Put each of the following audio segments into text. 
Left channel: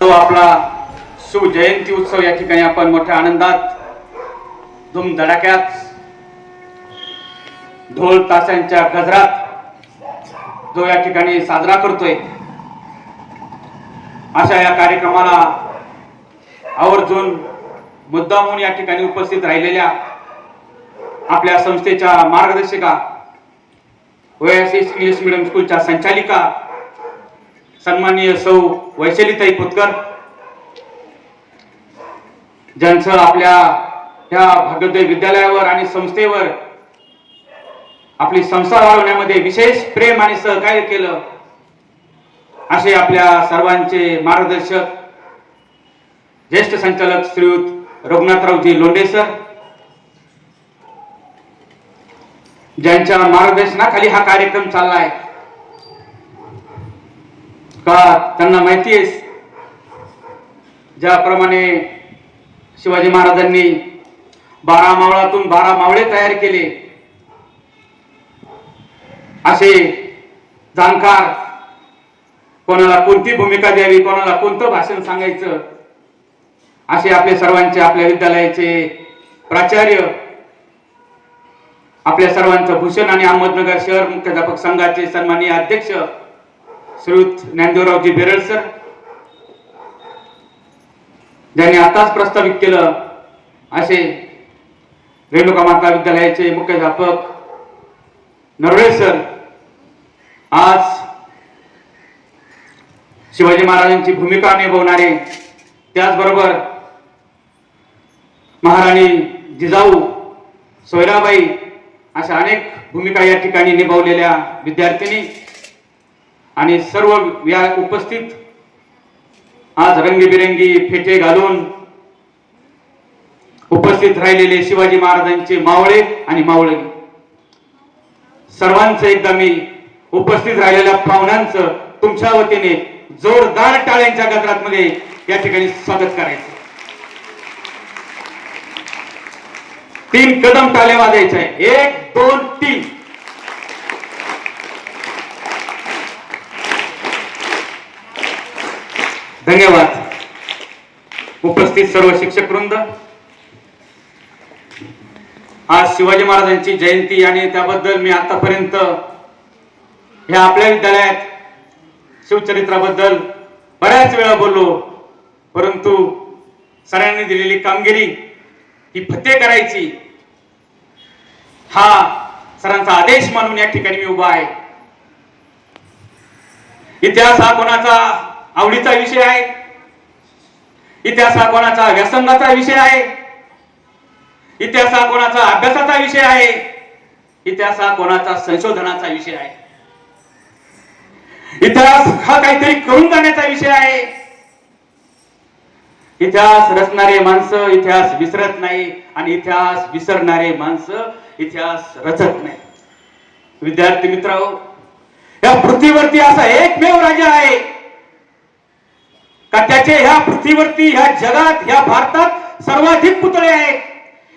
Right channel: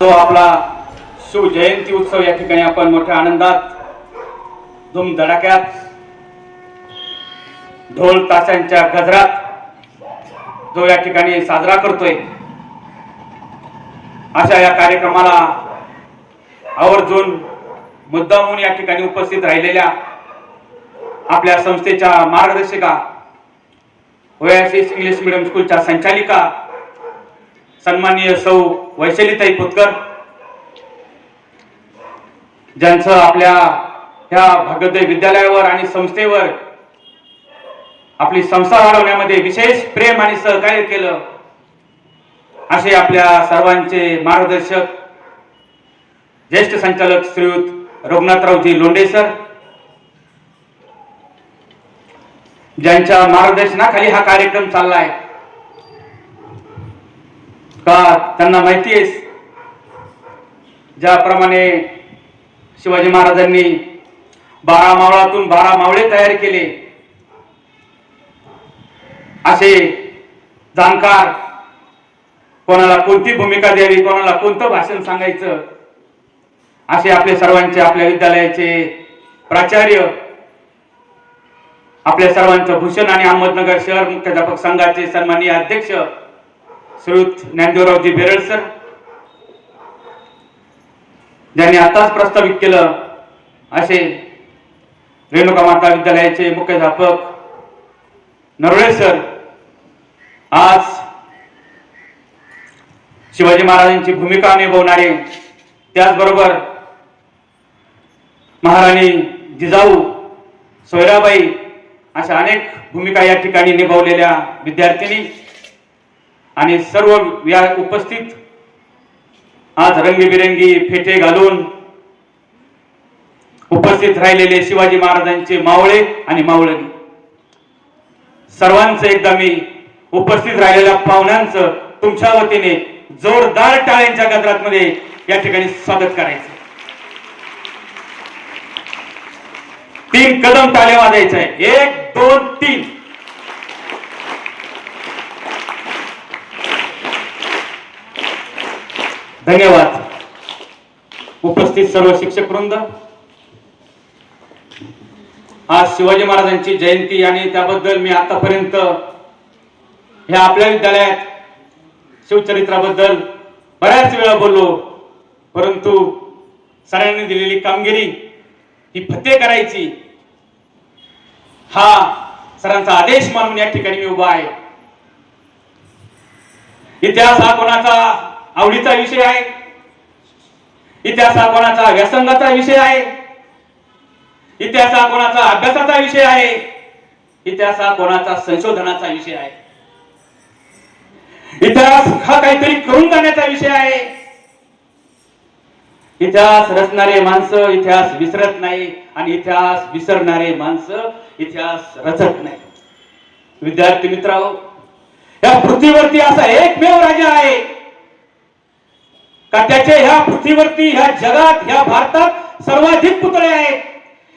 तो आपला शिवजयंती उत्सव या ठिकाणी आपण मोठ्या आनंदात धूमधडाक्यात ढोल ताशांच्या गजरात जो या ठिकाणी साजरा करतोय, अशा या कार्यक्रमाला आवर्जून मुद्दामून या ठिकाणी उपस्थित राहिलेल्या आपल्या संस्थेच्या मार्गदर्शिका, ओएसएस इंग्लिश मीडियम स्कूलच्या संचालिका सन्माननीय सौ वैशालीताई पुतकर, ज्यांचं आपल्या ह्या भाग्योदय विद्यालयावर आणि संस्थेवर आपली संस्था वाढवण्यामध्ये विशेष प्रेम आणि सहकार्य केलं, असे आपल्या सर्वांचे मार्गदर्शक ज्येष्ठ संचालक श्रीयुत रघुनाथरावजी लोंढे सर, ज्यांच्या मार्गदर्शनाखाली हा कार्यक्रम चाललाय. का त्यांना माहिती आहे, ज्याप्रमाणे शिवाजी महाराजांनी 12 मावळातून 12 मावळे तयार केले, असे जाणकार, कोणाला कोणती भूमिका द्यावी, कोणाला कोणतं भाषण सांगायचं, असे आपले सर्वांचे, आपल्या विद्यालयाचे प्राचार्य, आपल्या सर्वांचं भूषण आणि अहमदनगर शहर मुख्याध्यापक संघाचे सन्माननीय अध्यक्ष श्रीयुत ज्ञानदेवरावजी बेरड सर, ज्यांनी आताच प्रस्तावित केलं असे रेणुका माता विद्यालयाचे मुख्याध्यापक नरवळे सर, आज शिवाजी महाराजांची भूमिका निभावणारे, त्याचबरोबर महाराणी जिजाऊ, सोयराबाई अशा अनेक भूमिका या ठिकाणी निभावलेल्या विद्यार्थिनी आणि सर्व या उपस्थित आज रंगीबिरंगी फेटे घालून उपस्थित राहिलेले शिवाजी महाराजांचे मावळे आणि मावळणी, सर्वांचं एकदा मी उपस्थित राहिलेल्या पाहुण्यांचं तुमच्या वतीने जोरदार टाळ्यांच्या गजरामध्ये या ठिकाणी स्वागत करायचं. 3 कदम टाळ्या वाजायच्या आहे. 1 2 3. धन्यवाद. उपस्थित सर्व शिक्षक वृंद, आज शिवाजी महाराजांची जयंती आणि त्याबद्दल मी आतापर्यंत ह्या आपल्या विद्यालयात शिवचरित्राबद्दल बऱ्याच वेळा बोललो, परंतु सरांनी दिलेली कामगिरी ही फत्ते करायची, हा सरांचा आदेश मानून या ठिकाणी मी उभा आहे. इतिहास हा कोणाचा आवडीचा विषय आहे, इतिहास हा कोणाचा व्यासंगाचा विषय आहे, इतिहास हा कोणाचा अभ्यासाचा विषय आहे, इतिहास हा कोणाचा संशोधनाचा विषय आहे. इतिहास हा काहीतरी करून जाण्याचा विषय आहे. इतिहास रचणारे माणसं इतिहास विसरत नाही आणि इतिहास विसरणारे माणसं इतिहास रचत नाही. विद्यार्थी मित्रांनो, या पृथ्वीवरती असा एकमेव राजा आहे का त्याचे ह्या पृथ्वीवरती, ह्या जगात, ह्या भारतात सर्वाधिक पुतळे आहेत.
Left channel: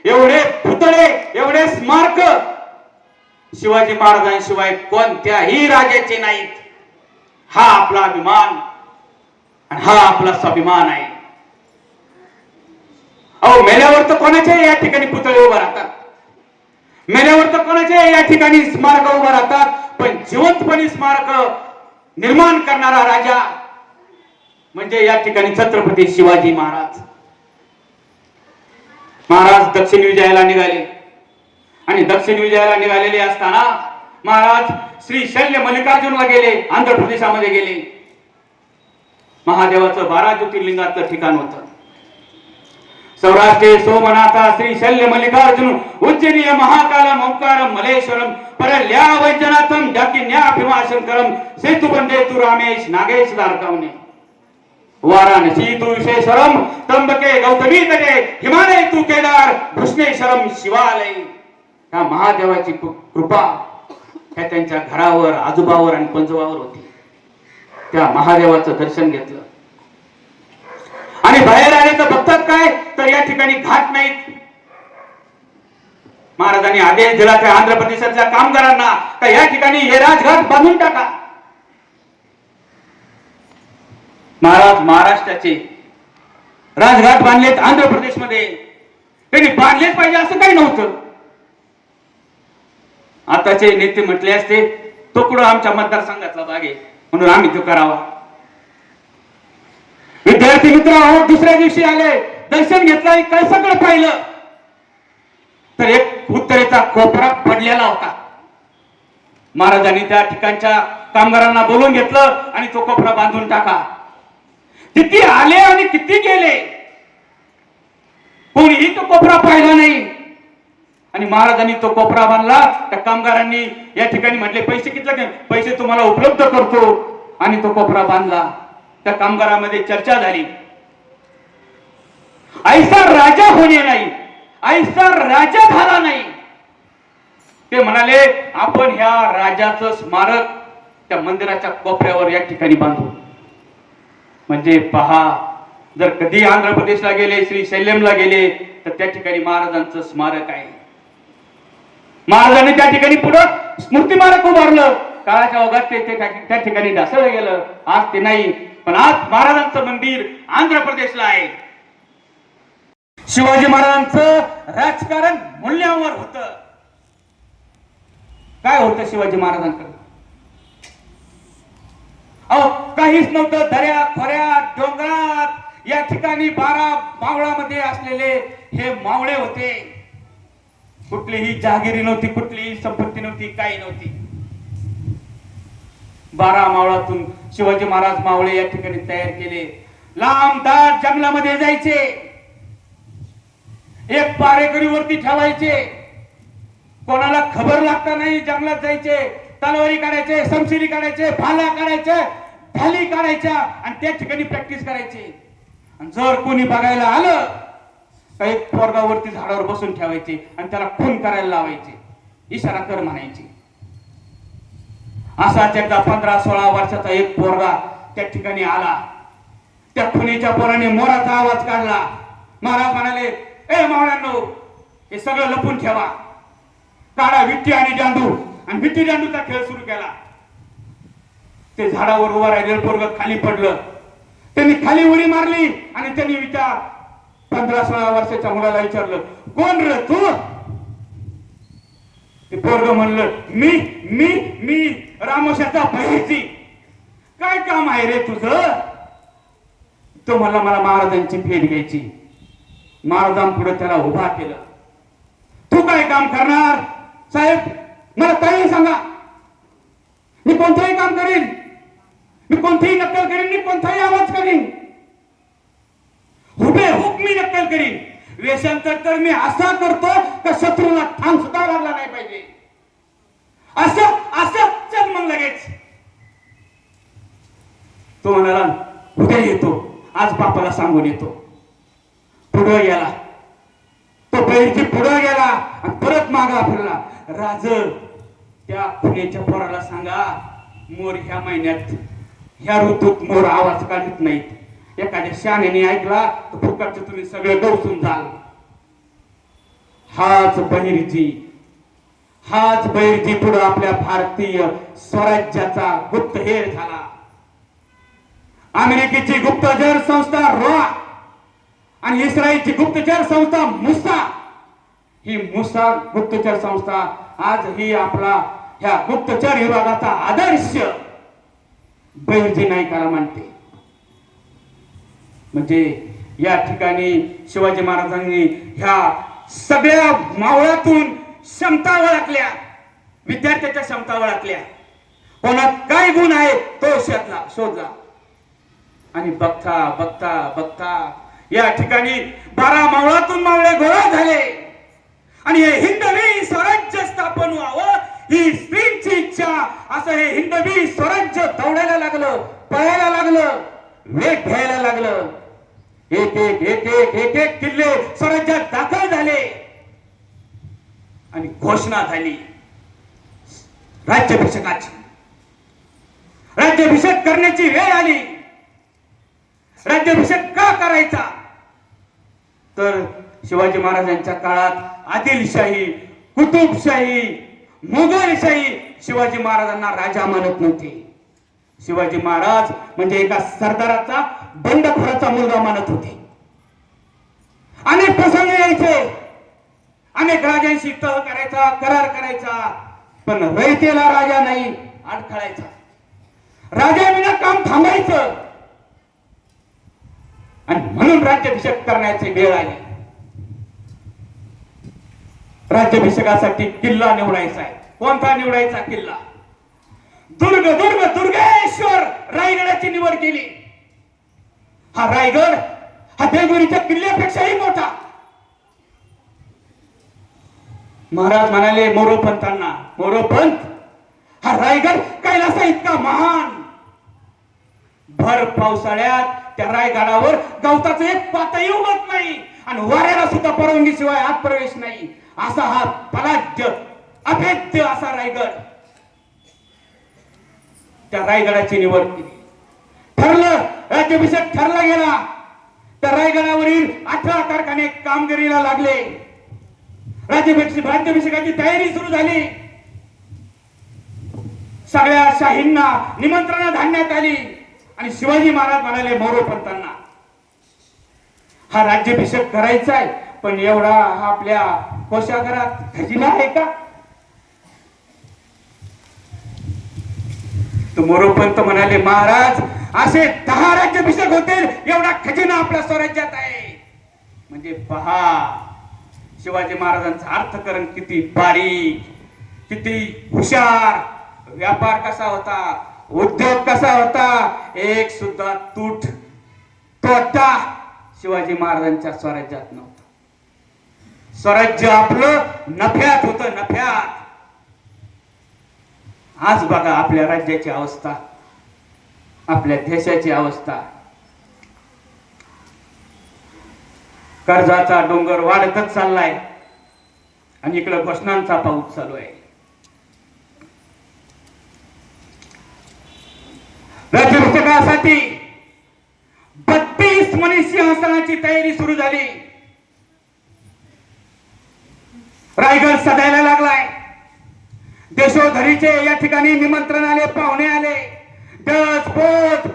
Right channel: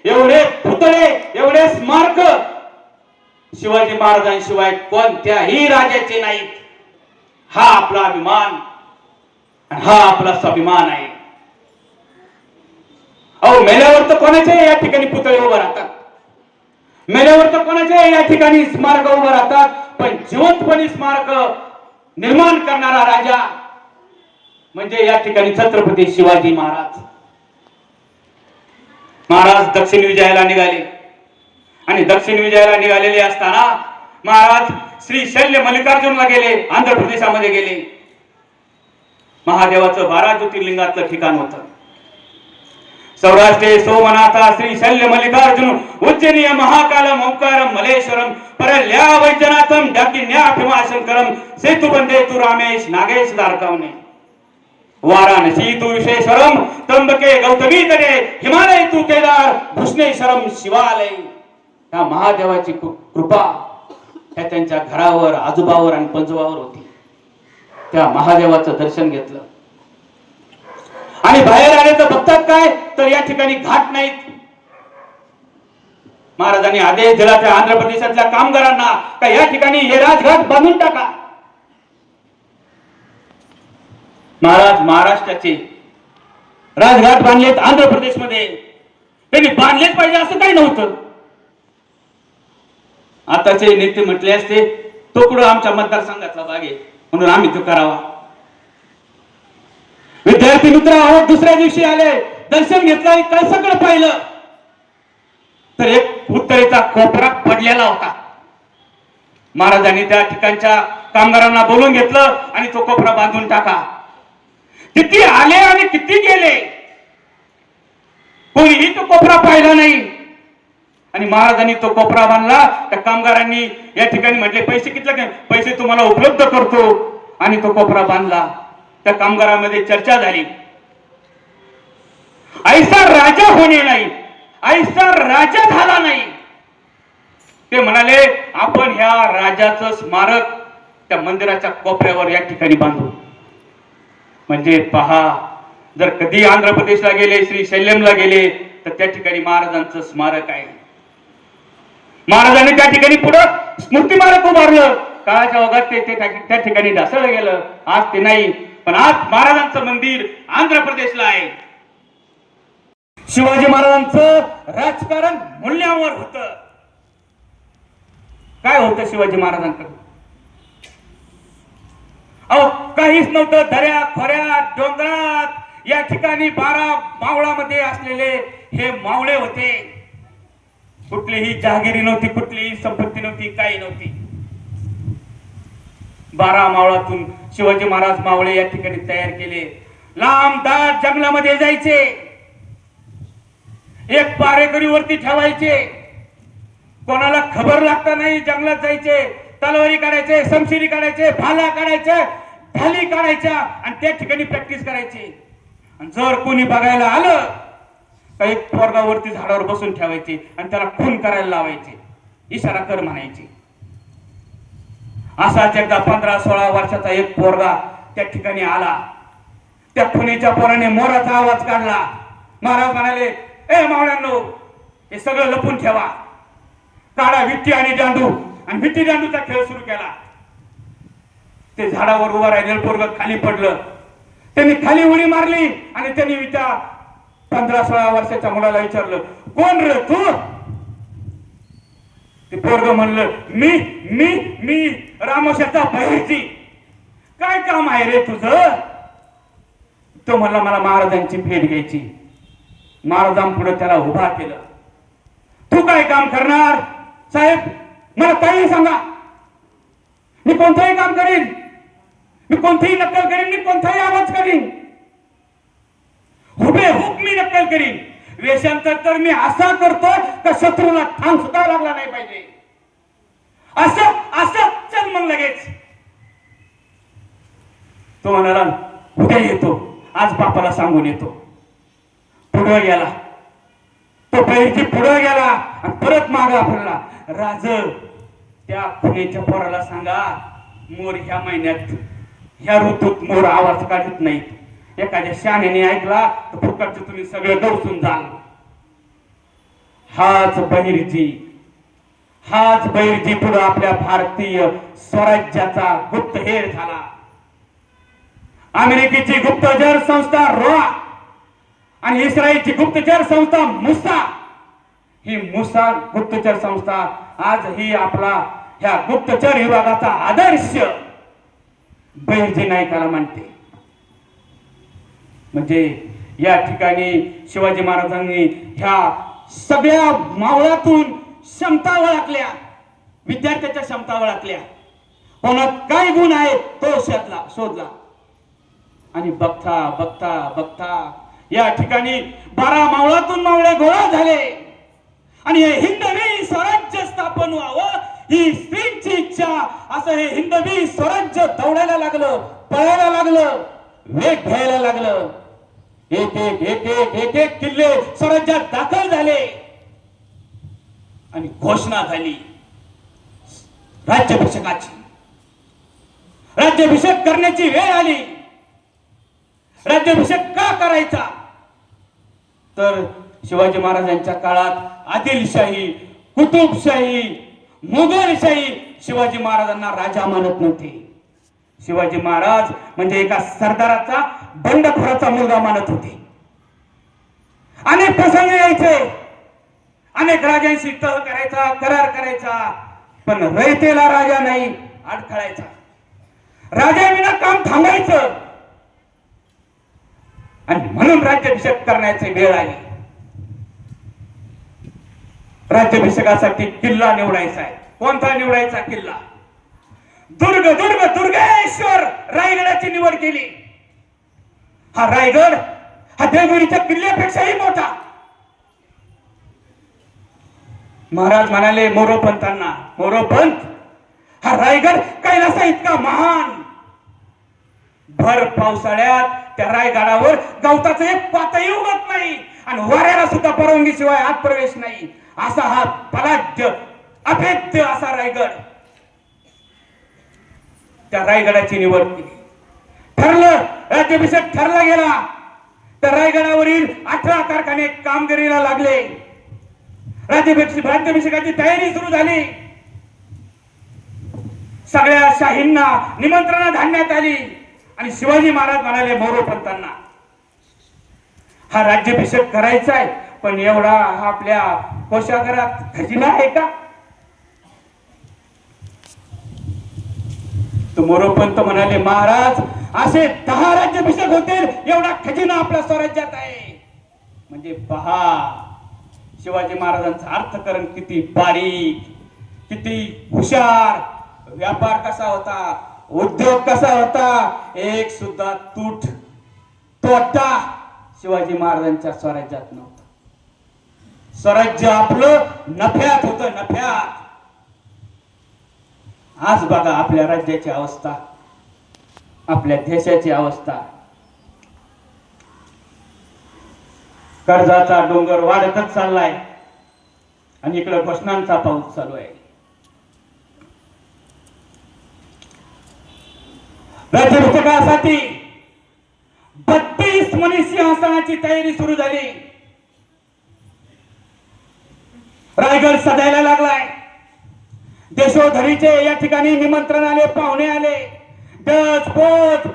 एवढे पुतळे, एवढे स्मारक शिवाजी महाराजांशिवाय कोणत्याही राजाचे नाहीत. हा आपला अभिमान आणि हा आपला स्वाभिमान आहे. अहो, मेल्यावर तर कोणाचे या ठिकाणी पुतळे उभे राहतात, मेल्यावर तर कोणाचे या ठिकाणी स्मारक उभे राहतात, पण जिवंतपणे स्मारक निर्माण करणारा राजा म्हणजे या ठिकाणी छत्रपती शिवाजी महाराज. महाराज दक्षिण विजयाला निघाले आणि दक्षिण विजयाला निघालेले असताना महाराज श्री शैल्य मल्लिकार्जुनला गेले, आंध्र प्रदेशामध्ये गेले. महादेवाचं 12 ज्योतिर्लिंगाचं ठिकाण होतं. सौराष्ट्रे सोमनाथा श्री शैल्य मल्लिकार्जुन उज्जैनीय महाकालम ओंकारम मलेश्वरम परल्या वैजनाथम डाकिन्या भीमाशंकरम सेतुबंदे तु रामेश नागेश दारकावने वाराणसी तु विश्वेश्वरम त्र्यंबके गौतमी तरे हिमालय तु केदार भूषणेश्वरम शिवालय. या महादेवाची कृपा ह्या त्यांच्या घरावर, आजोबावर आणि पंजोबावर होती. त्या महादेवाचं दर्शन घेतलं आणि बाहेर आले तर बघतात काय, तर या ठिकाणी घाट नाहीत. महाराजांनी आदेश दिला त्या आंध्र प्रदेशातल्या कामगारांना का या ठिकाणी हे राजघाट बांधून टाका. महाराज महाराष्ट्राचे राजघाट बांधलेत आंध्र प्रदेशमध्ये, त्यांनी बांधलेच पाहिजे असं काही नव्हतं. आताचे नेते म्हटले असते तो कुठं आमच्या मतदारसंघातला भाग आहे म्हणून आम्ही तो करावा. विद्यार्थी मित्र, दुसऱ्या दिवशी आले, दर्शन घेतलं, काय सगळं पाहिलं तर एक उत्तरेचा कोपरा पडलेला होता. महाराजांनी त्या ठिकाणच्या कामगारांना बोलून घेतलं आणि तो कोपरा बांधून टाका. किती आले आणि किती गेले, कोणीही तो कोपरा पाहिला नाही. आणि महाराजांनी तो कोपरा बांधला. त्या कामगारांनी या ठिकाणी म्हटले पैसे किती, पैसे तुम्हाला उपलब्ध करतो, आणि तो कोपरा बांधला. त्या कामगारांमध्ये चर्चा झाली. ऐसा राजा होणे नाही, ऐसा राजा झाला नाही. ते म्हणाले आपण ह्या राजाचं स्मारक त्या मंदिराच्या कोपऱ्यावर या ठिकाणी बांधू. म्हणजे पहा, जर कधी आंध्र प्रदेशला गेले, श्री शैल्यमला गेले तर त्या ठिकाणी महाराजांचं स्मारक आहे. महाराजांनी त्या ठिकाणी पुढे स्मृती स्मारक उभारलं काळाच्या ओघात त्या ठिकाणी ढासळलं गेलं. आज ते नाही. पण आज महाराजांचं मंदिर आंध्र प्रदेशला आहे. शिवाजी महाराजांचं राजकारण मूल्यावर होत. काय होतं शिवाजी महाराजांकडे? अहो काहीच नव्हतं. दऱ्या खोऱ्या डोंगरात या ठिकाणी 12 मावळामध्ये असलेले हे मावळे होते. कुठलीही जहागिरी नव्हती, कुठलीही संपत्ती नव्हती, काही नव्हती. 12 मावळातून शिवाजी महाराज मावळे या ठिकाणी तयार केले. लांब दाट जंगलामध्ये जायचे. एक पारेकरी वरती ठेवायचे. कोणाला खबर लागता नाही जंगलात जायचे. तलवारी काढायचे, शमशिरी काढायचे, भाला काढायचे, ढाली काढायच्या आणि त्या ठिकाणी प्रॅक्टिस करायची. आणि जर कोणी बघायला आलं तर एक पोरगावरती झाडावर बसून ठेवायचे आणि त्याला खून करायला लावायचे. इशारा कर म्हणायचे. असाच एकदा 15-16 वर्षाचा एक पोरगा त्या ठिकाणी आला. त्या खुनीच्या पोराने मोराचा आवाज काढला. महाराज म्हणाले, ए मावळ्यांनो, हे सगळं लपून ठेवा. काढा विट्टी आणि दांडू. आणि विट्टी दांडूचा खेळ सुरू केला. ते झाडावर उभं राहिलेलं पोरग खाली पडलं. त्यांनी खाली उडी मारली आणि त्यांनी त्या 15-16 वर्षाच्या मुलाला विचारलं, कोण रे तू? ते पोरग म्हणलं, मी मी मी रामोशाचा बहिर्जी. काय काम आहे रे तुझं? तो म्हणला, मला महाराजांची भेट घ्यायची. महाराजांपुढे त्याला उभा केलं. तू काय काम करणार? साहेब मला काही सांगा. मी कोणतंही काम करीन. मी कोणतीही नक्कल करीन. मी कोणताही आवाज करीन. हुबेहूब मी नक्कल करीन. वेषांतर तर मी असा करतो का शत्रूला ठाम सुद्धा लागला नाही पाहिजे. असं असं चल मग लगेच. तो म्हणाला, उद्या येतो. आज बापाला सांगून येतो. पुढे गेला. तो बहिर्जी पुढे गेला आणि परत मागा फिरला. राज, त्या खुनेच्या पोराला सांगा, मोर ह्या महिन्यात ह्या ऋतूत मोर आवाज काढत नाहीत. एखाद्या शहाण्याने ऐकला तर फुकटचं तुम्ही सगळे डोसून जाल. हाच बहिर्जी पुढे आपल्या भारतीय स्वराज्याचा गुप्तहेर झाला. अमेरिकेची गुप्तचर संस्था रोआ आणि इस्रायलची गुप्तचर संस्था मुसा, ही मुसा गुप्तचर संस्था आज ही आपला ह्या गुप्तचर विभागाचा आदर्श बहिर्जी नाईकाला मानते. म्हणजे या ठिकाणी शिवाजी महाराजांनी ह्या सगळ्या मावळातून क्षमता ओळखल्या. विद्यार्थ्याच्या क्षमता ओळखल्या. कोणात काय गुण आहे तो शोधला. आणि बघता बघता बघता या ठिकाणी 12 मावळातून मावळे गोळा झाले. आणि हे हिंदवी स्वराज्य स्थापन व्हावं ही स्त्रीची इच्छा. असं हे हिंदवी स्वराज्य दौडायला लागलं, पळायला लागलं, वेग घ्यायला लागलं. एक एक एक एक एक एक किल्ले स्वराज्यात दाखल झाले. आणि घोषणा झाली राज्याभिषेकाची. राज्याभिषेक करण्याची वेळ आली. राज्याभिषेक का करायचा? तर शिवाजी महाराजांच्या काळात आदिलशाही, कुतुबशाही, मुघलशाही शिवाजी महाराजांना राजा मानत नव्हते. शिवाजी महाराज म्हणजे एका सरदाराचा, बंडखोराचा मुलगा मानत होते. अनेक प्रसंग यायचे. अनेक राजांशी तह करायचा, करार करायचा. पण रयतेला राजा नाही अडखळायचा. राजाविना काम थांबायचं. आणि म्हणून राज्याभिषेक करण्याची वेळ आली. राज्याभिषेकासाठी किल्ला निवडायचा आहे. कोणता निवडायचा किल्ला? दुर्गेश्वर रायगडाची निवड केली. हा रायगड हा देवगिरीच्या किल्ल्यापेक्षाही मोठा. महाराज म्हणाले मोरोपंतांना, मोरोपंत हा रायगड कैलासा इतका महान. भर पावसाळ्यात त्या रायगडावर गवताचं एक पातही उगत नाही आणि वाऱ्याला सुद्धा परवानगी शिवाय आत प्रवेश नाही. असा हा पलाज्य अभेद्य असा रायगड. त्या रायगडाची निवड केली. ठरलं, राज्याभिषेक ठरला गेला. त्या रायगडावरील 18 कारखाने कामगिरीला लागले. राज्याभिषेकाची तयारी सुरू झाली. सगळ्या शाहींना निमंत्रण घालण्यात आली आणि शिवाजी महाराज म्हणाले मोरोपंतांना, हा राज्याभिषेक करायचा आहे, पण एवढा हा आपल्या कोशागारात खजिना आहे का? तो मोरोपंत म्हणाले, महाराज असे 10 राज्याभिषेक होतील एवढा खजिना आपल्या स्वराज्यात आहे. म्हणजे पहा शिवाजी महाराजांचं अर्थकरण किती बारीक, किती हुशार, व्यापार कसा होता, उद्योग कसा होता, एक सुद्धा तोटा शिवाजी महाराजांच्या स्वराज्यात नव्हतं. स्वराज्य आपलं नफ्यात होतं, नफ्यात. आज बघा आपल्या राज्याची अवस्था, आपल्या देशाची अवस्था. कर्जाचा डोंगर वाढतच चाललाय आणि इकडे घोषणांचा पाऊस चालू आहे. राज्याभिषेकासाठी 32 मणी सिंहासनाची तयारी सुरू झाली. रायगड सजायला लागलाय. देशोधरीचे या ठिकाणी निमंत्रण आले, पाहुणे आले. डच, पोट,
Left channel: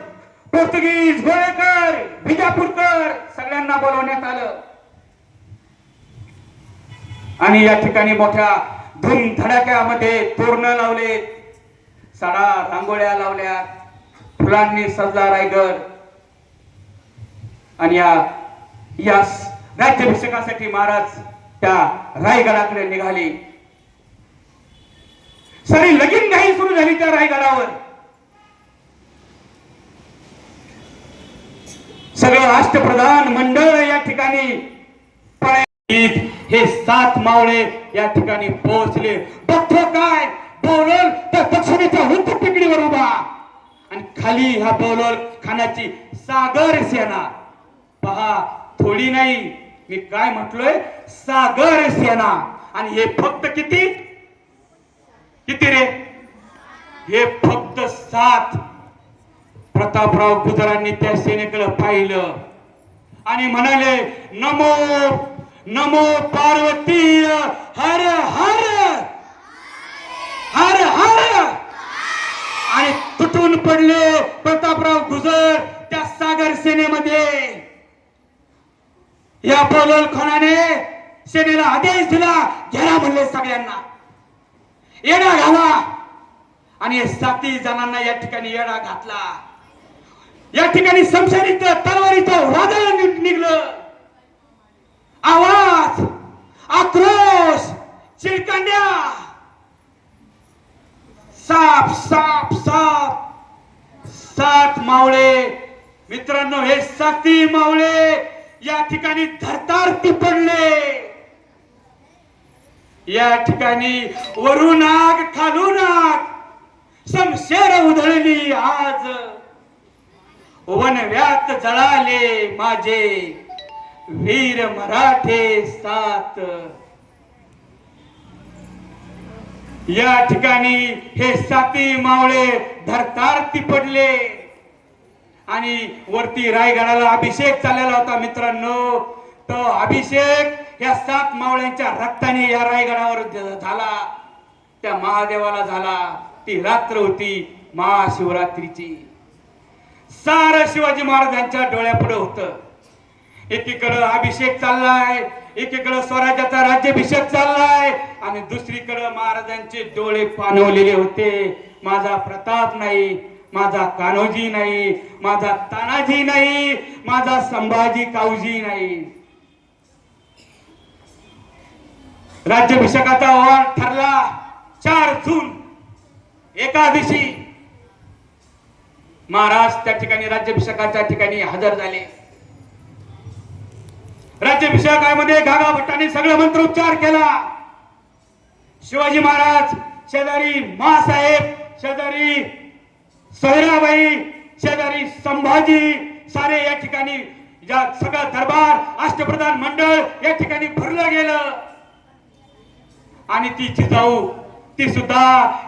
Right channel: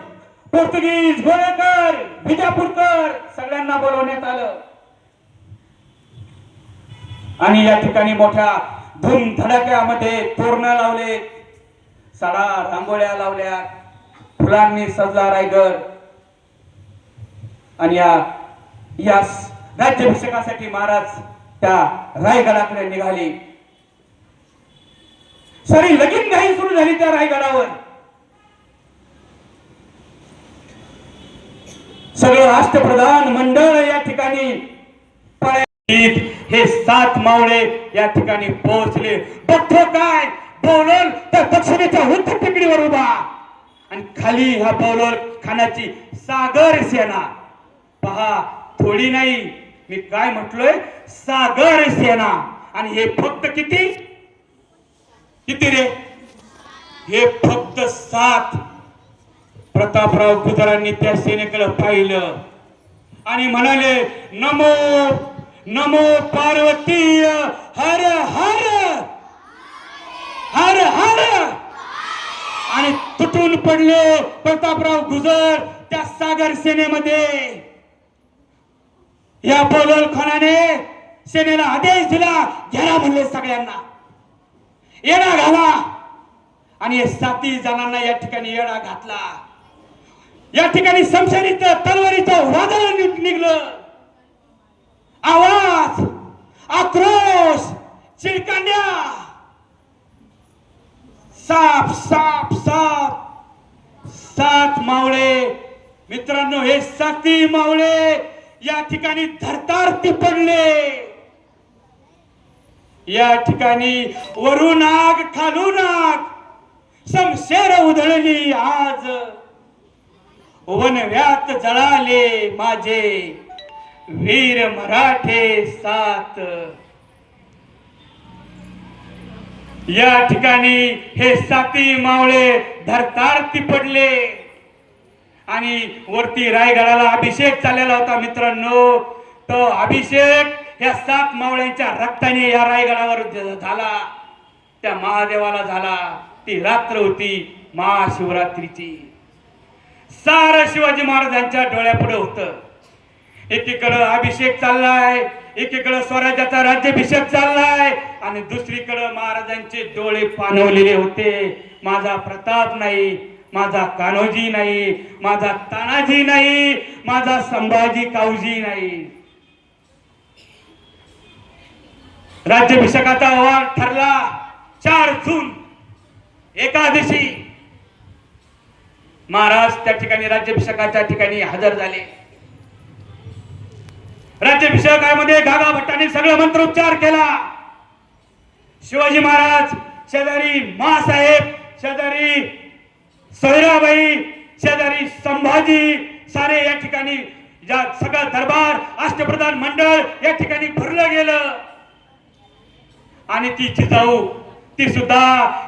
पोर्तुगीज, गोळेकर, विजापूरकर सगळ्यांना बोलवण्यात आलं आणि या ठिकाणी मोठ्या धूमधडाक्यामध्ये तोरणं लावले, सडा रांगोळ्या लावल्या, फुलांनी सजला रायगड. आणि या राज्याभिषेकासाठी महाराज त्या रायगडाकडे निघाले. सारी लगीनघाई सुरू झाली त्या रायगडावर. सगळं अष्टप्रधान मंडळ या ठिकाणी हे 7 मावळे या ठिकाणी पोहोचले. बघतो काय बौरल त्या दक्षिणेच्या उंच टेकडीवर उभा आणि खाली हा बौरल खानाची सागर सेना. पहा थोडी नाही, मी काय म्हटलोय, सागर सेना. आणि हे फक्त किती रे, हे फक्त 7. प्रतापराव गुजरांनी त्या सेनेकडे पाहिलं आणि म्हणाले, नमो नमो पार्वती हर हर हर हर. आणि तुटून पडले प्रतापराव गुजर त्या सागर सेनेमध्ये. या बोलर खानाने सेनेला आदेश दिला, घ्या म्हणले सगळ्यांना, येडा घाला. आणि 7 जणांना या ठिकाणी येडा घातला. या ठिकाणी समशेरीत तलवारीचं वादळ निघलं. आवाज, आक्रोश, चिरकांड्या, साप साप साप. 7 मावळे मित्रांनो, हे 7 मावळे या ठिकाणी धरतारती पडले. या ठिकाणी वरून आग खालून आग, समशेर उधळली. आज वनव्यात जळाले माझे वीर मराठे 7. या ठिकाणी हे 7 मावळे धरतारती पडले आणि वरती रायगडाला अभिषेक चाललेला होता मित्रांनो. तो अभिषेक या 7 मावळ्यांच्या रक्ताने या रायगडावर झाला, त्या महादेवाला झाला. ती रात्र होती महाशिवरात्रीची. सारं शिवाजी महाराजांच्या डोळ्यापुढे होतं. एकीकडे अभिषेक चाललाय, एकीकडे स्वराज्याचा राज्याभिषेक चाललाय आणि दुसरीकडे महाराजांचे डोळे पाणवलेले होते. माझा प्रताप नाही, माझा कान्होजी नाही, माझा तानाजी नाही, माझा संभाजी काऊजी नाही. राज्याभिषेकाचा वार ठरला 4 जून एकादशी. महाराज त्या ठिकाणी राज्याभिषेकाच्या ठिकाणी हजर झाले. राज्याभिषेकामध्ये गागा भट्टांनी सगळं मंत्रोच्चार केला. शिवाजी महाराज शेजारी मासाहेब, शेजारी सोयराबाई, शेजारी संभाजी, सारे या ठिकाणी सगळं दरबार, अष्टप्रधान मंडळ या ठिकाणी भरलं गेलं. आणि ती जिजाऊ, ती सुद्धा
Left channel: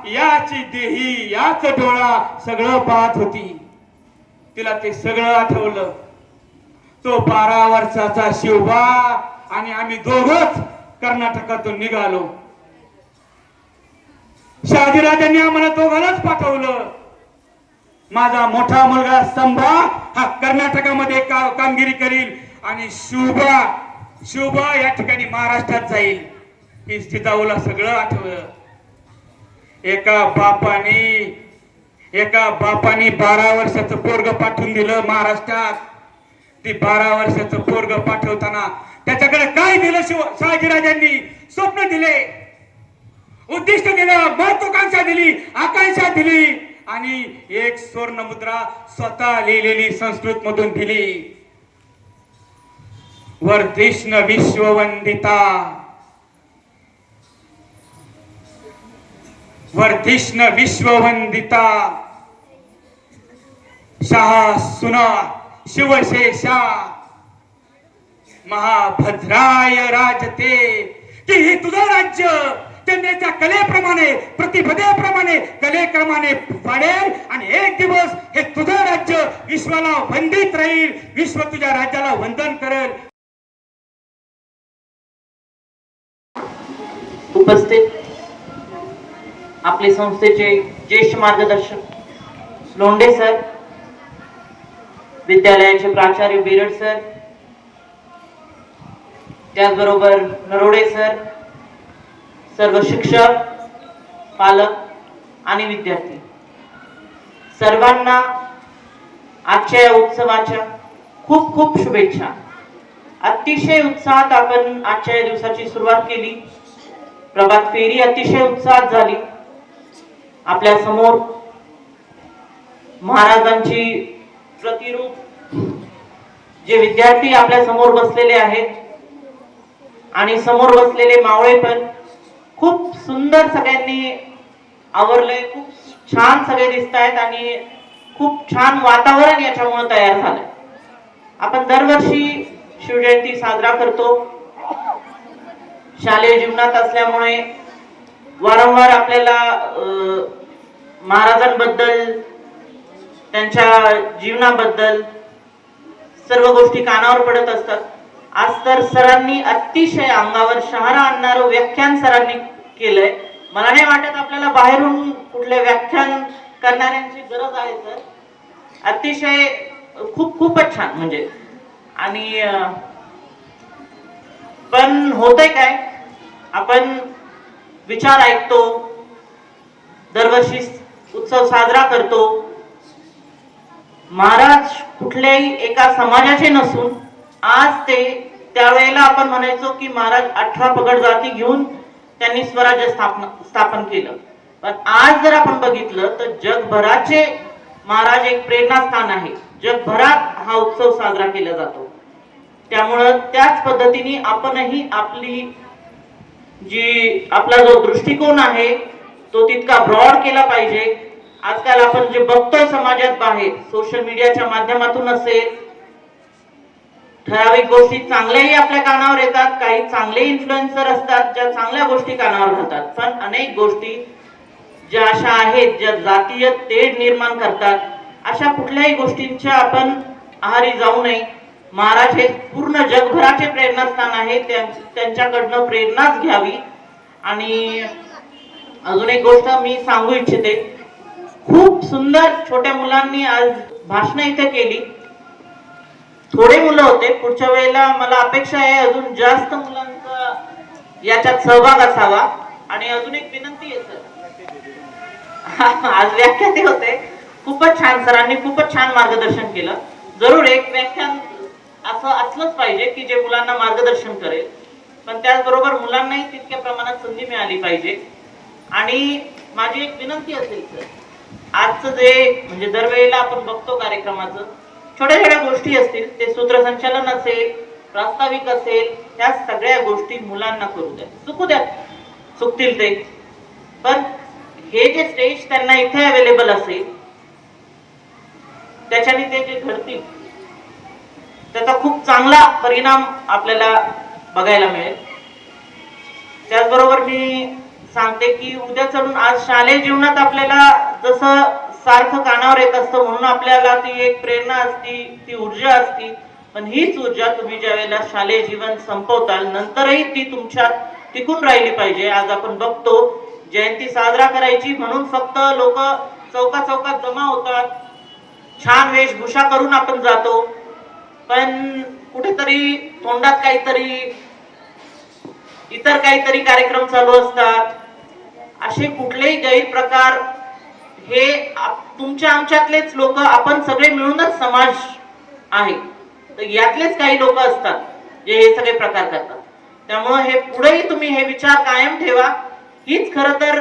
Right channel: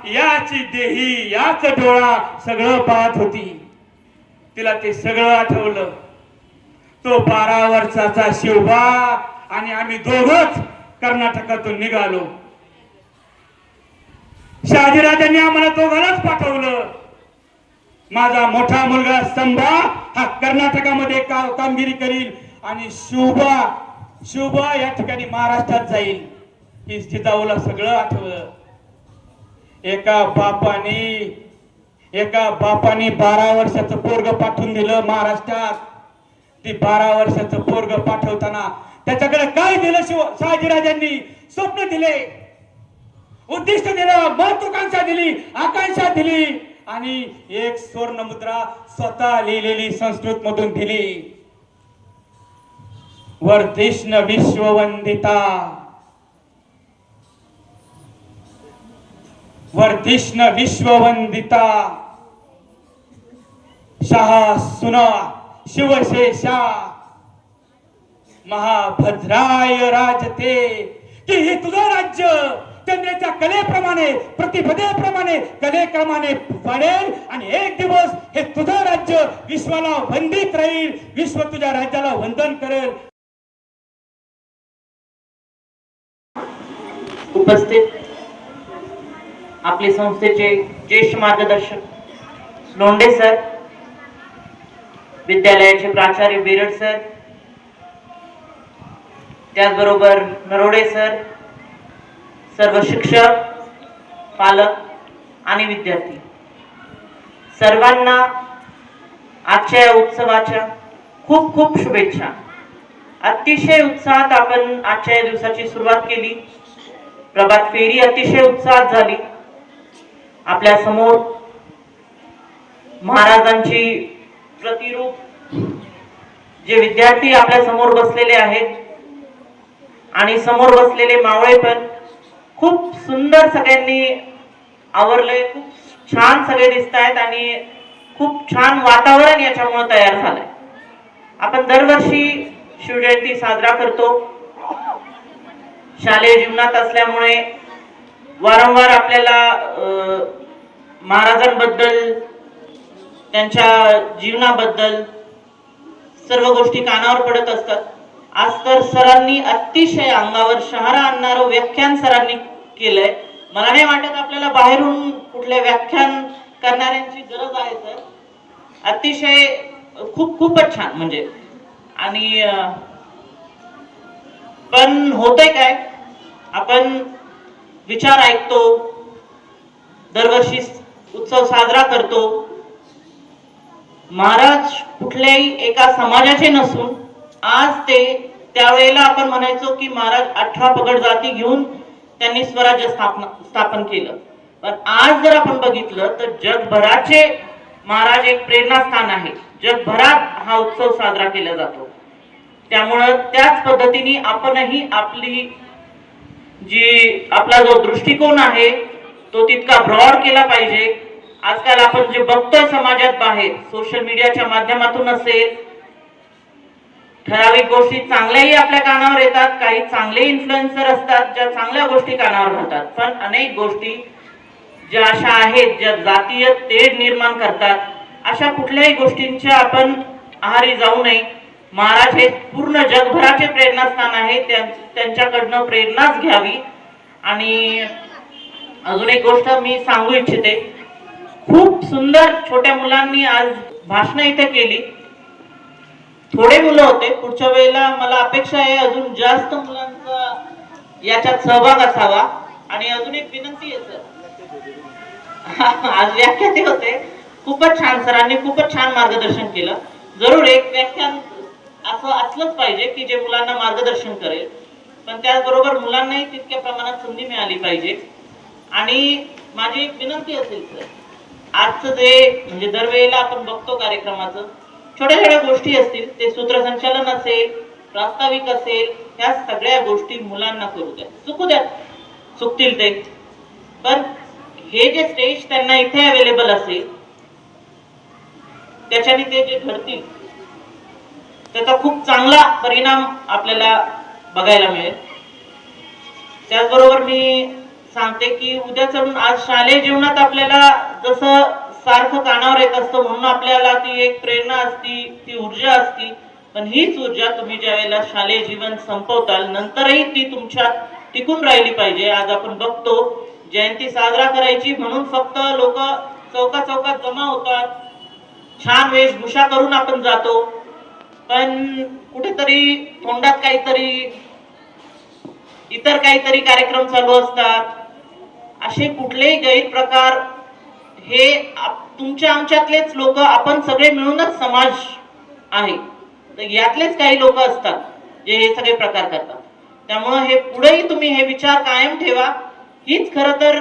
याची देही, याच डोळा सगळं पाहत होती. तिला ते सगळं आठवलं. तो 12 वर्षाचा शिवबा आणि आम्ही दोघंच कर्नाटकातून निघालो. शहाजीराजांनी आम्हाला दोघांनाच पाठवलं. पाठवलं. माझा मोठा मुलगा स्तंभा हा कर्नाटकामध्ये कामगिरी करील आणि शुभा या ठिकाणी महाराष्ट्रात जाईल. ही जिजाऊला सगळं आठवलं. एका बापाने 12 वर्षाचं पोरग पाठवून दिलं महाराष्ट्रात. ती 12 वर्षाचं पोरग पाठवताना त्याच्याकडे काय दिलं? शहाजीराजांनी स्वप्न दिले, उद्दिष्ट दिलं, महत्वाकांक्षा दिली, आकांक्षा दिली आणि एक सुवर्ण मुद्रा स्वतः लिहिलेली संस्कृत मधून दिली. वर्धिष्ण विश्ववंदिता, वर्धिष्ण विश्ववंदिता, शहा सुना शिवशेषा महाभद्राय राजते. की हे तुझं राज्य त्यांच्या कलेप्रमाणे, प्रतिपदेप्रमाणे, कलेक्रमाने वाढेल आणि एक दिवस हे तुझं राज्य विश्वाला वंदित राहील. विश्व तुझ्या राज्याला वंदन करेल. उपस्थित आपले संस्थेचे ज्येष्ठ मार्गदर्शक लोंढे सर, विद्यालयाचे प्राचार्य बेरड सर, त्याचबरोबर नरोडे सर, सर्व शिक्षक, पालक आणि विद्यार्थी, सर्वांना आजच्या या उत्सवाच्या खूप खूप शुभेच्छा. अतिशय उत्साहात आपण आजच्या या दिवसाची सुरुवात केली. प्रभात फेरी अतिशय उत्साहात झाली. आपल्या समोर महाराजांची प्रतिरूप जे विद्यार्थी आपल्या समोर बसलेले आहेत आणि समोर बसलेले मावळे पण खूप सुंदर सगळ्यांनी आवरले. खूप छान सगळे दिसत आहेत आणि खूप छान वातावरण याच्यामुळे तयार झालं. आपण दरवर्षी शिवजयंती साजरा करतो. शालेय जीवनात असल्यामुळे वारंवार आपल्याला महाराजांबद्दल, त्यांच्या जीवनाबद्दल सर्व गोष्टी कानावर पडत असतात. आज तर सरांनी अतिशय अंगावर शहारा आणणारं व्याख्यान सरांनी केलंय. मला नाही वाटत आपल्याला बाहेरून कुठले व्याख्यान करणाऱ्यांची गरज आहे सर. अतिशय खूपच छान म्हणजे. आणि पण होतंय काय, आपण विचार ऐकतो, दरवर्षी उत्सव साजरा करतो. महाराज कुठल्याही एका समाजाचे नसून आज ते त्यावेळेला आपण म्हणायचो की महाराज 18 पगड जाती घेऊन त्यांनी स्वराज्य स्थापन केलं. पण आज जर आपण बघितलं तर जगभराचे महाराज एक प्रेरणास्थान आहे. जगभरात हा उत्सव साजरा केला जातो. त्यामुळं त्याच पद्धतीने आपणही आपला जो दृष्टिकोन आहे तो तितका ब्रॉड केला पाहिजे. आजकाल आपण जे बघतोय समाजात बाहेर, सोशल मीडियाच्या माध्यमातून असेल, ठराविक गोष्टी चांगल्याही आपल्या कानावर येतात, काही चांगले इन्फ्लुएन्सर असतात ज्या चांगल्या गोष्टी कानावर घालतात. पण अनेक गोष्टी ज्या अशा आहेत ज्या जातीय तेढ निर्माण करतात, अशा कुठल्याही गोष्टींच्या आपण आहारी जाऊ नये. महाराज हे पूर्ण जगभराचे प्रेरणास्थान आहे. त्यांच्याकडनं प्रेरणाच घ्यावी. आणि अजून एक गोष्ट मी सांगू इच्छिते. खूप सुंदर छोट्या मुलांनी आज भाषण इथे केली. थोडे मुलं होते, पुढच्या वेळेला मला अपेक्षा आहे अजून जास्त मुलांचा याच्यात सहभाग असावा. आणि अजून एक विनंती आहे सर, आज व्याख्याते होते, खूपच छान, सरांनी खूपच छान मार्गदर्शन केलं. जरूर एक व्याख्यान असं असलंच पाहिजे की जे मुलांना मार्गदर्शन करेल, पण त्याचबरोबर मुलांनाही तितक्या प्रमाणात संधी मिळाली पाहिजे. आणि माझी एक विनंती असेल सर, आजचं जे म्हणजे दरवेळेला आपण बघतो कार्यक्रमाचं, छोट्या छोट्या गोष्टी असतील, ते सूत्रसंचालन असेल, प्रास्ताविक असेल, ह्या सगळ्या गोष्टी मुलांना करू द्या. चुकू द्या, चुकतील ते, पण हे जे स्टेज त्यांना इथे अवेलेबल असेल त्याच्याने ते जे घडतील त्याचा खूप चांगला परिणाम आपल्याला बघायला मिळेल. त्याचबरोबर मी सांगते की उद्या चढून आज शालेय जीवनात आपल्याला जसं सारखं कानावर येत असतं म्हणून आपल्याला ती एक प्रेरणा असती, ती ऊर्जा असती. पण हीच ऊर्जा तुम्ही ज्या वेळेला शालेय जीवन संपवताल नंतरही ती तुमच्यात टिकून राहिली पाहिजे. आज आपण बघतो जयंती साजरा करायची म्हणून फक्त लोक चौका चौकात जमा होतात, छान वेशभूषा करून आपण जातो, पण कुठेतरी तोंडात काहीतरी इतर काहीतरी कार्यक्रम चालू असतात. असे कुठलेही गैरप्रकार हे तुमच्या आमच्यातलेच लोक, आपण सगळे मिळूनच समाज आहे, तर यातलेच काही लोक असतात जे हे सगळे प्रकार करतात. त्यामुळे हे पुढेही तुम्ही हे विचार कायम ठेवा. हीच खरं तर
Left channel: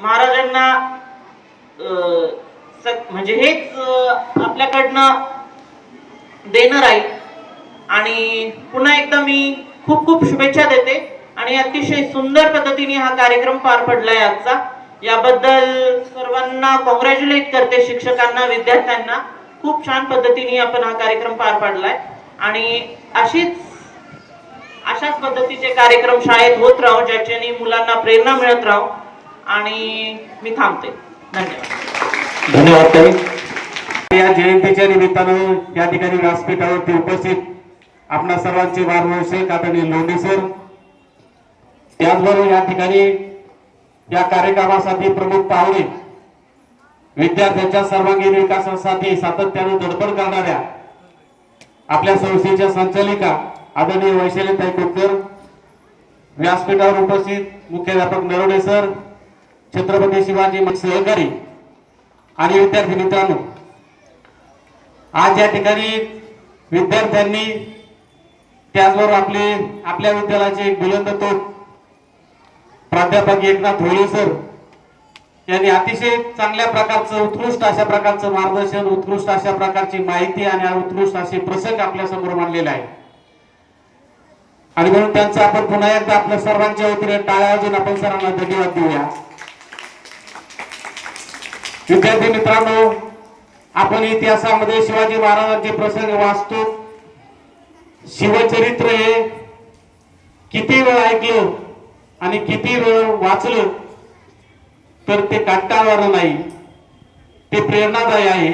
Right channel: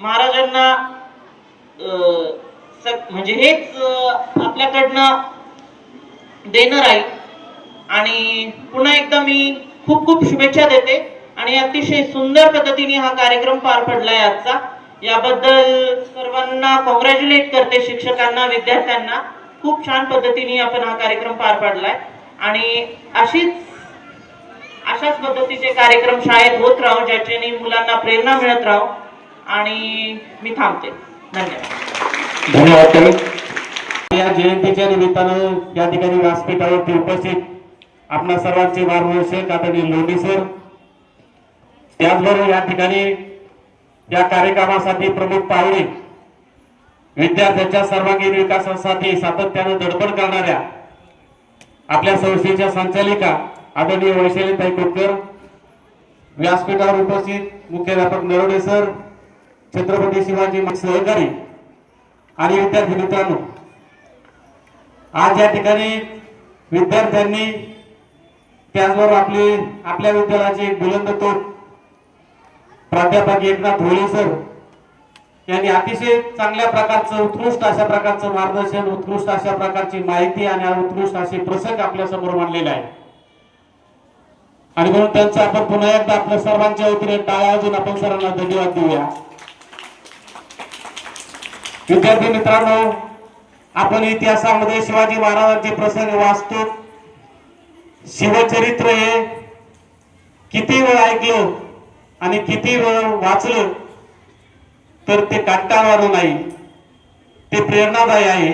महाराजांना म्हणजे हेच आपल्याकडनं देणं राहील. आणि पुन्हा एकदा मी खूप खूप शुभेच्छा देते आणि अतिशय सुंदर पद्धतीने हा कार्यक्रम पार पडलाय आजचा. याबद्दल सर्वांना कॉंग्रॅच्युलेट करते, शिक्षकांना, विद्यार्थ्यांना. खूप छान पद्धतीने आपण हा कार्यक्रम पार पाडलाय आणि अशाच पद्धतीचे कार्यक्रम शाळेत होत राहू, ज्याच्याने मुलांना प्रेरणा मिळत राहू. आणि मी थांबते. धन्यवाद. धन्यवाद ताई. या जयंतीच्या निमित्तानं या ठिकाणी व्यासपीठावरती उपस्थित आपणा सर्वांचे मार्गदर्शक आदरणीय लोणी सर, त्याचबरोबर या ठिकाणी या कार्यक्रमासाठी प्रमुख पाहुणे, विद्यार्थ्यांच्या सर्वांगीण विकासासाठी सातत्याने धडपड करणाऱ्या आपल्या संस्थेच्या संचालिका आदरणीय वैशालीताई कोतकर, व्यासपीठावर उपस्थित मुख्याध्यापक नरवणे सर, छत्रपती शिवाजी सहकारी आणि विद्यार्थी मित्रांनो, आज या ठिकाणी विद्यार्थ्यांनी त्याचबरोबर आपल्या विद्यालयाचे बुलंद तोफ प्राध्यापक एकनाथ होळे सर यांनी अतिशय चांगल्या प्रकारचं, उत्कृष्ट अशा प्रकारचं मार्गदर्शन, उत्कृष्ट अशा प्रकारची माहिती आणि उत्कृष्ट असे प्रसंग आपल्या समोर मांडलेले आहे. आणि म्हणून त्यांचं आपण पुन्हा एकदा आपल्या सर्वांच्या वतीने टाळ्या वाजवून आपण सरांना धन्यवाद देऊया. विद्यार्थी मित्रांनो, आपण इतिहासामध्ये शिवाजी महाराजांचे प्रसंग वाचतो. शिवचरित्र हे किती वेळ ऐकलं आणि किती वेळ वाचलं तर ते कंटाळवाणं नाही, ते प्रेरणादायी आहे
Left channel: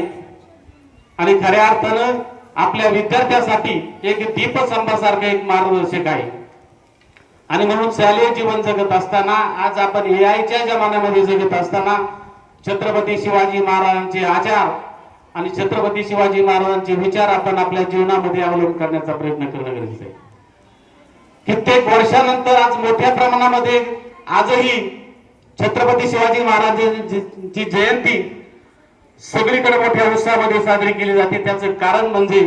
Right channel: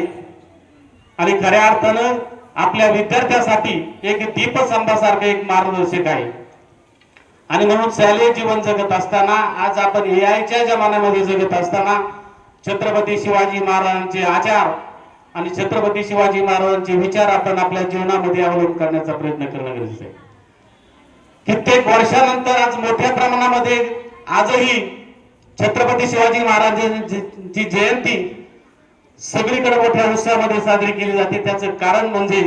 आणि खऱ्या अर्थानं आपल्या विद्यार्थ्यासाठी एक दीपस्तंभासारखं एक मार्गदर्शक आहे. आणि म्हणून शालेय जीवन जगत असताना, आज आपण एआयच्या जमान्यामध्ये जगत असताना, छत्रपती शिवाजी महाराजांचे आचार आणि छत्रपती शिवाजी महाराजांचे विचार आपण आपल्या जीवनामध्ये अवलंब करण्याचा प्रयत्न करणं गरजेचं आहे. कित्येक वर्षानंतर आज मोठ्या प्रमाणामध्ये आजही छत्रपती शिवाजी महाराजांची जयंती सगळीकडे मोठ्या उत्साहामध्ये साजरी केली जाते. त्याचं कारण म्हणजे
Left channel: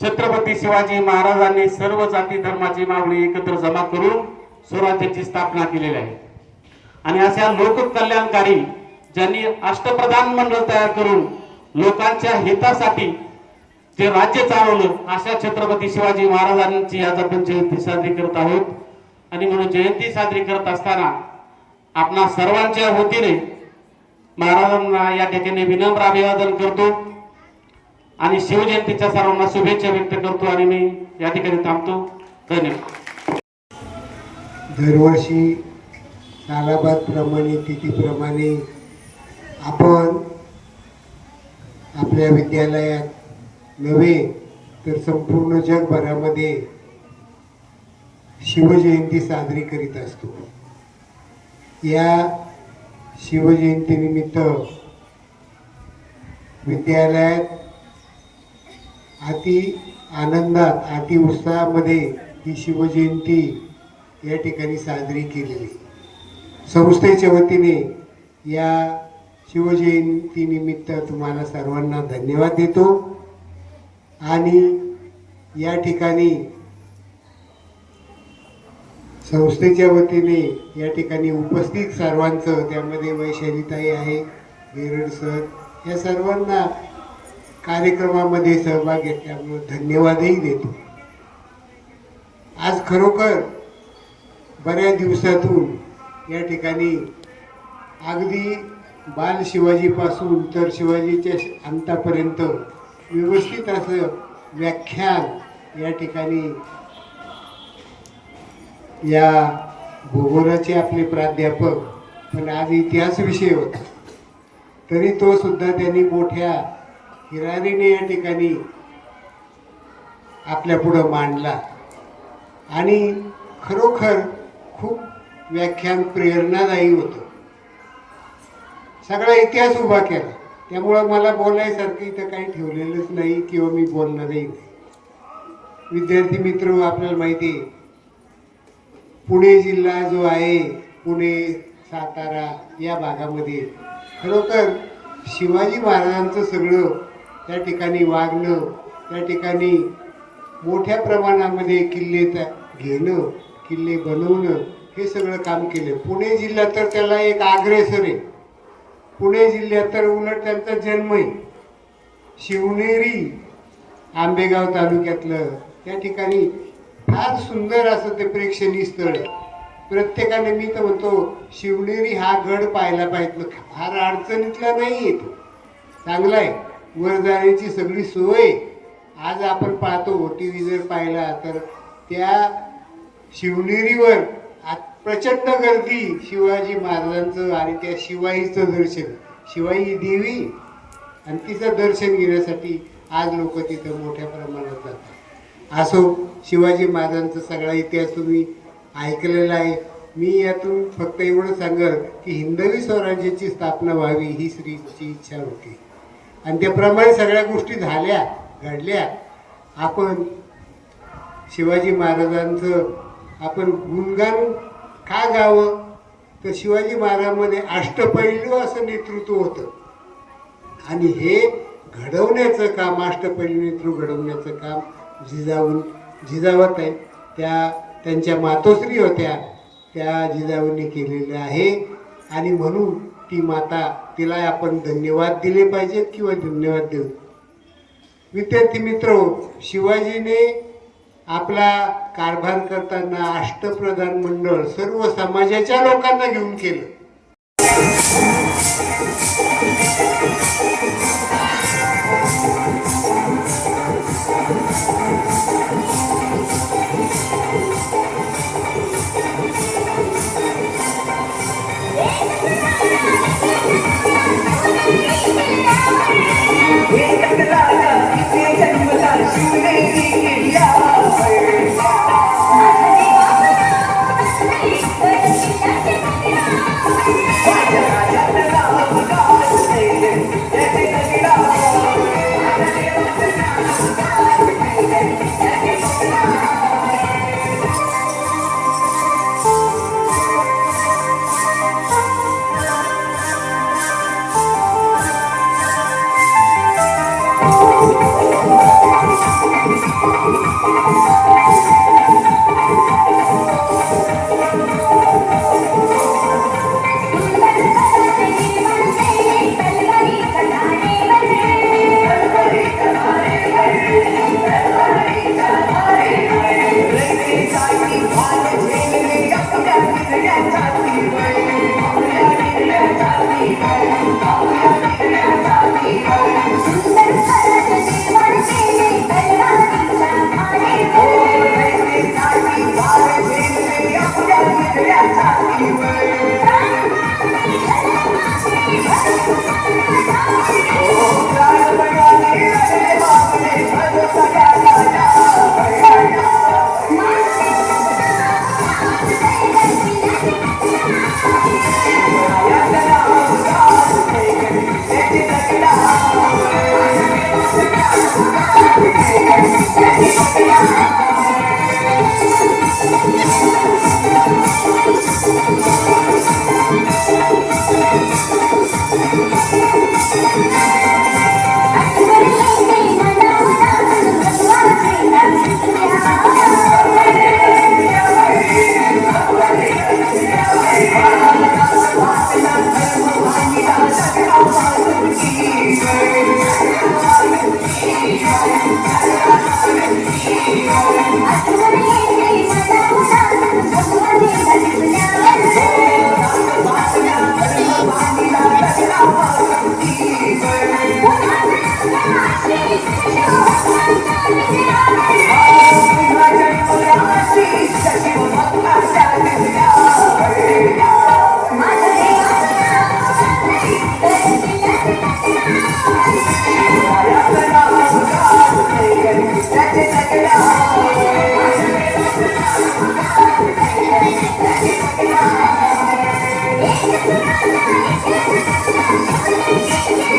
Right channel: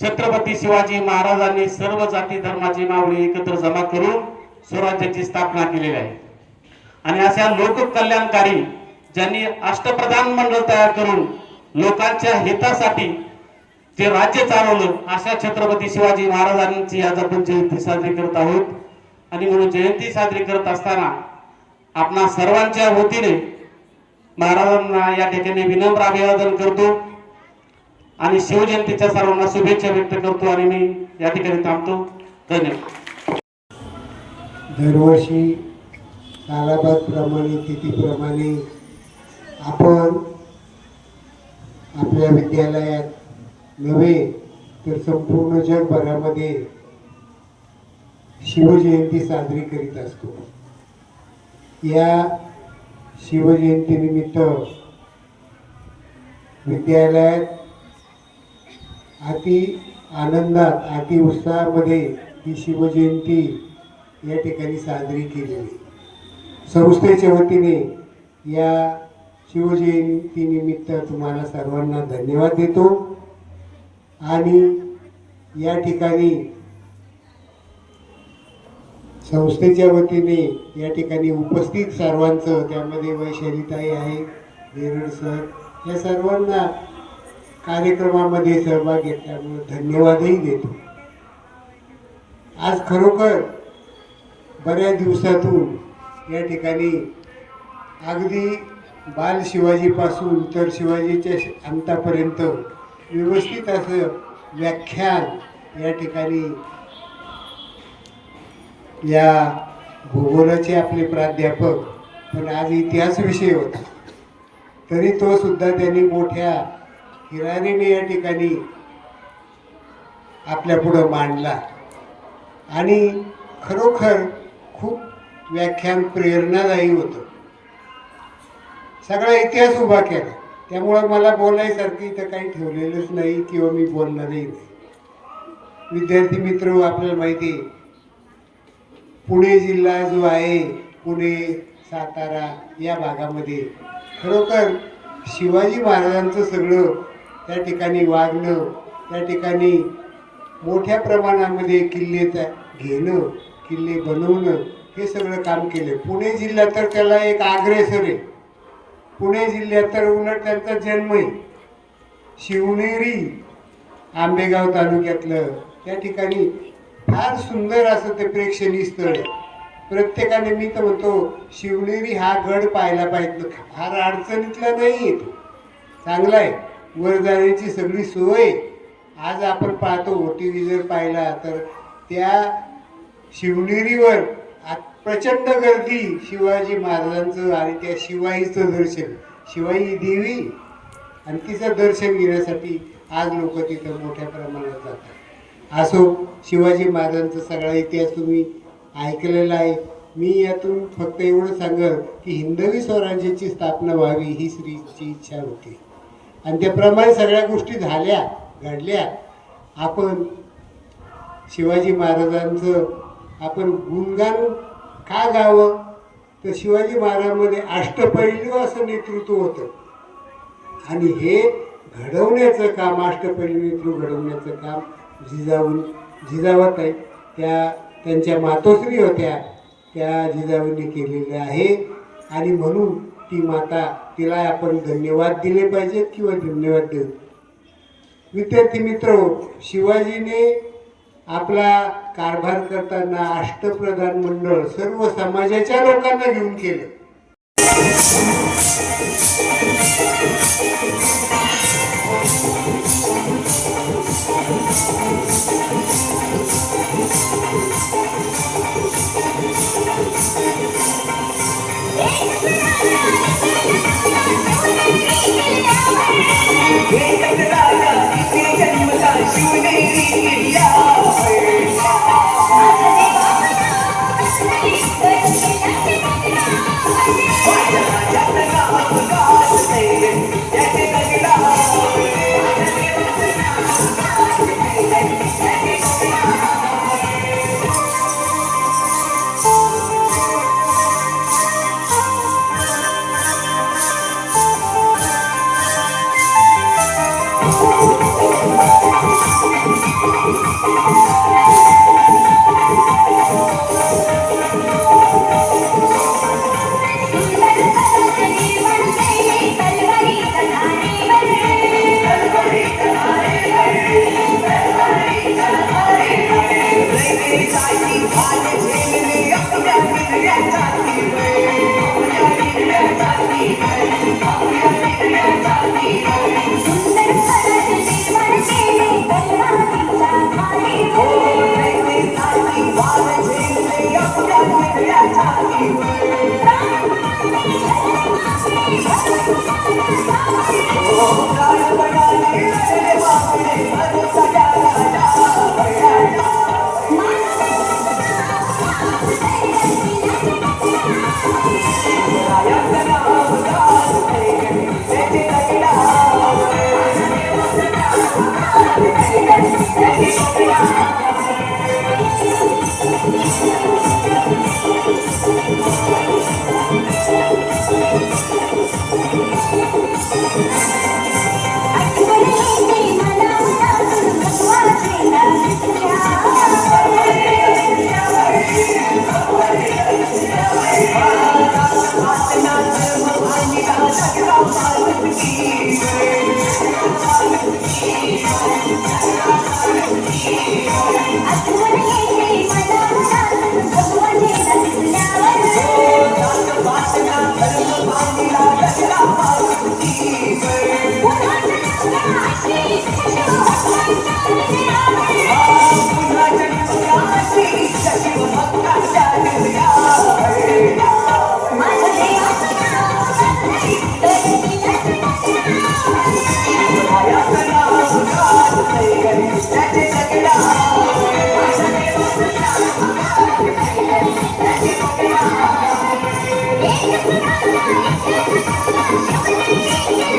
छत्रपती शिवाजी महाराजांनी सर्व जाती धर्माची मावळी एकत्र जमा करून स्वराज्याची स्थापना केलेली आहे. आणि अशा लोककल्याणकारी, ज्यांनी अष्टप्रधान मंडळ तयार करून लोकांच्या हितासाठी जे राज्य चालवलं, अशा छत्रपती शिवाजी महाराजांची आज आपण जयंती साजरी करत आहोत. आणि म्हणून जयंती साजरी करत असताना आपणा सर्वांच्या वतीने महाराजांना या ठिकाणी विनम्र अभिवादन करतो आणि शिवजयंतीच्या सर्वांना शुभेच्छा व्यक्त करतो आणि मी या ठिकाणी थांबतो. धन्यवाद. दरवर्षी सालाबादप्रमाणे, तिथीप्रमाणे आपण आपल्या विद्यालयात नव्हे तर संपूर्ण जगभरामध्ये शिवजयंती साजरी करीत असतो. या शिवजयंतीनिमित्त विद्यालयात अति आनंदात, अति उत्साहामध्ये ही शिवजयंती या ठिकाणी साजरी केलेली. संस्थेच्या वतीने या शिवजयंतीनिमित्त तुम्हाला सर्वांना धन्यवाद देतो. आणि या ठिकाणी संस्थेच्या वतीने या ठिकाणी उपस्थित सर्वांचं, त्यामध्ये वैशालीताई आहे, वेरड सर, या सर्वांना कार्यक्रमामध्ये सहभाग घेतल्यामुळे धन्यवादही देतो. आज खरोखर बऱ्याच दिवसातून या ठिकाणी अगदी बाल शिवाजीपासून तर शिवाजीच्या अंतापर्यंत व्यवस्थित असं व्याख्यान या ठिकाणी या भूगोलाचे आपले प्राध्यापक, पण आज इतिहास विषय होता तरी तो सुद्धा त्यांनी मोठ्या हिरारीने या ठिकाणी आपल्या पुढं मांडला. आणि खरोखर खूप व्याख्यान प्रेरणादायी होतं. सगळा इतिहास उभा केला. त्यामुळं मला बोलायसारखं इथं काही ठेवलेलंच नाही किंवा मी बोलणारही नाही. विद्यार्थी मित्र, आपल्याला माहिती आहे पुणे जिल्हा जो आहे, पुणे सातारा या भागामध्ये खरोखर शिवाजी महाराजांचं सगळं त्या ठिकाणी वागणं, त्या ठिकाणी मोठ्या प्रमाणामध्ये किल्ले घेणं, किल्ले बनवणं हे सगळं काम केलं. पुणे जिल्हा तर त्याला एक अग्रेसर आहे. पुणे जिल्ह्यात तर उलट त्यांचा जन्म आहे. शिवनेरी आंबेगाव तालुक्यातलं त्या ठिकाणी फार सुंदर असं ते प्रेक्षणीय स्थळ. प्रत्येकाने, मी तर म्हणतो, शिवनेरी हा गड पाहायला पाहिजे. फार अडचणीतला नाही आहे, तो चांगला आहे. वर जाण्याची सगळी सोय आज आपण पाहतो. टी व्ही जर पाहिला तर त्या शिवनेरीवर प्रचंड गर्दी शिवाजी महाराजांचं आणि त्या शिवाईचं दर्शन, शिवाई देवी आणि तिचं दर्शन घेण्यासाठी आज लोक तिथं मोठ्या प्रमाणात जातात. असो, शिवाजी महाराजांचा सगळा इतिहास तुम्ही ऐकलेला आहे. मी यातून फक्त एवढं सांगेल की हिंदवी स्वराज्याची स्थापना व्हावी ही श्रीची इच्छा होती आणि त्याप्रमाणे सगळ्या गोष्टी झाल्या, घडल्या. आपण शिवाजी महाराजांचं आपण गुणगान का गावं, तर शिवाजी महाराजांमध्ये अष्टपैलू असं नेतृत्व होतं आणि हे घडवण्याचं काम, अष्टपैलू नेतृत्व घडवण्याचं काम जिजावत आहे. त्यांच्या मातोश्री होत्या, त्या जिजाऊंनी केलेलं आहे आणि म्हणून ती माता, तिला आपण धन्यवाद दिले पाहिजेत किंवा धन्यवाद देऊ. विद्यार्थी मित्र, शिवाजीने आपला कारभार करताना अष्टप्रधान मंडळ सर्व समाजाच्या लोकांना घेऊन केलं.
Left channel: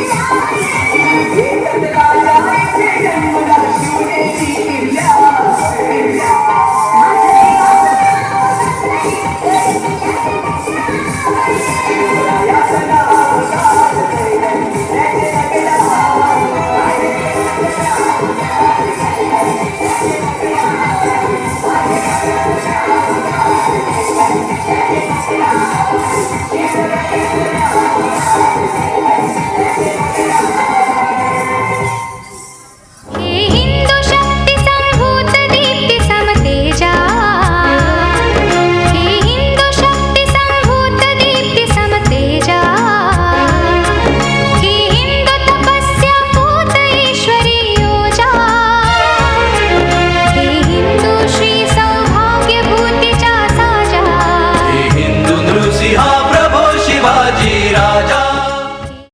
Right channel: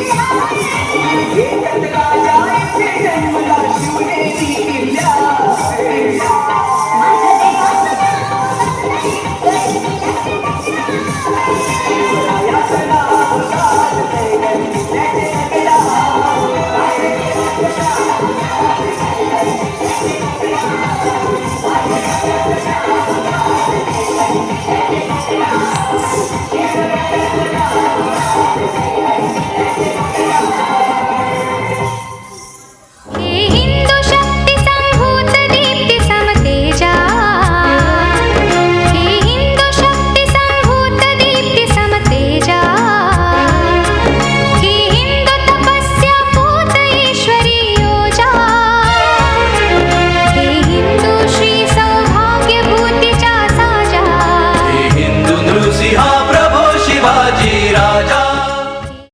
Thank you. Thank you.